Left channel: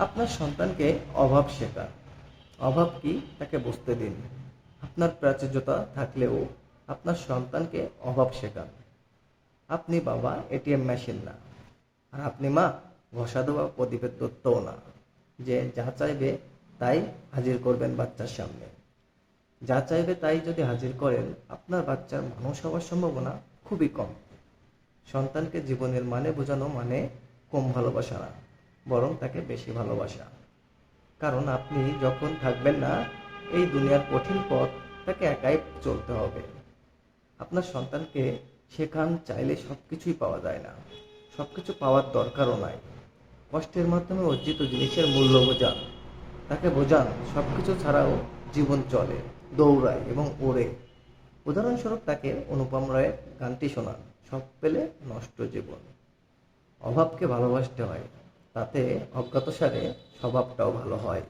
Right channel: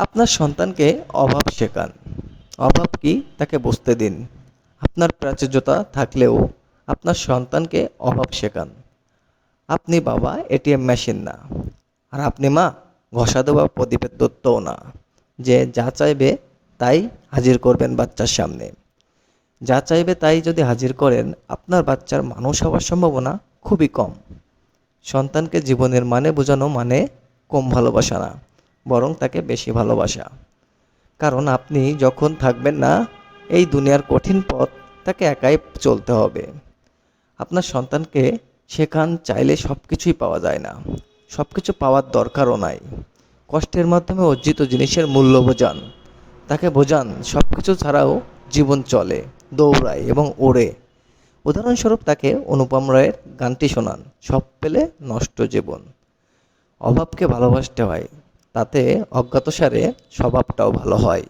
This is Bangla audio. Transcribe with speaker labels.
Speaker 1: আপনার সন্তানকে অভাব শেখান। অভাব কি? তাকে বুঝতে দিন। আপনার প্রাচুর্যতা থাকলেও আপনার সন্তানকে অভাব শেখান। আপনি বাবা, এটিএম মেশিন না। আর আপনি মা, ঘষা দেওয়া প্রদীপের দত্তও না। যে যা চাইবে তাই হাজির করবেন বাচ্চার সামনে। যা চাইবে তাই যদি হাজির করেন, আপনার বাচ্চার মানুষ হওয়ার সম্ভাবনা খুবই কম। সন্তানকে জীবনের মানে বোঝানো মানে কম ভালোবাসা না। বরং তাকে বেশি ভালোবাসা। কারণ আপনি যখন থাকবেন না, এই দুনিয়ার কঠিন পথ তাকে একাই চলতে হবে। আপনার সন্তানকে শেখান চাইলে সব কিছুই পাওয়া যায় না। সব কিছু পাওয়ার দরকারও নাই। কষ্টের মাধ্যমে অর্জিত জিনিসের মূল্য বোঝান। তাকে বোঝান সব কিছু ছাড়াও জীবন চলে, দৌড়ায় এবং ওড়ে। উদাহরণস্বরূপ তাকে অনুপম রায়ের গানটি শোনান, সব পেলে নষ্ট জীবন। অভাবকে ভালোবাসতে হয়। তাতে অজ্ঞাতসারে স্বভাবটাও ভালো হয়।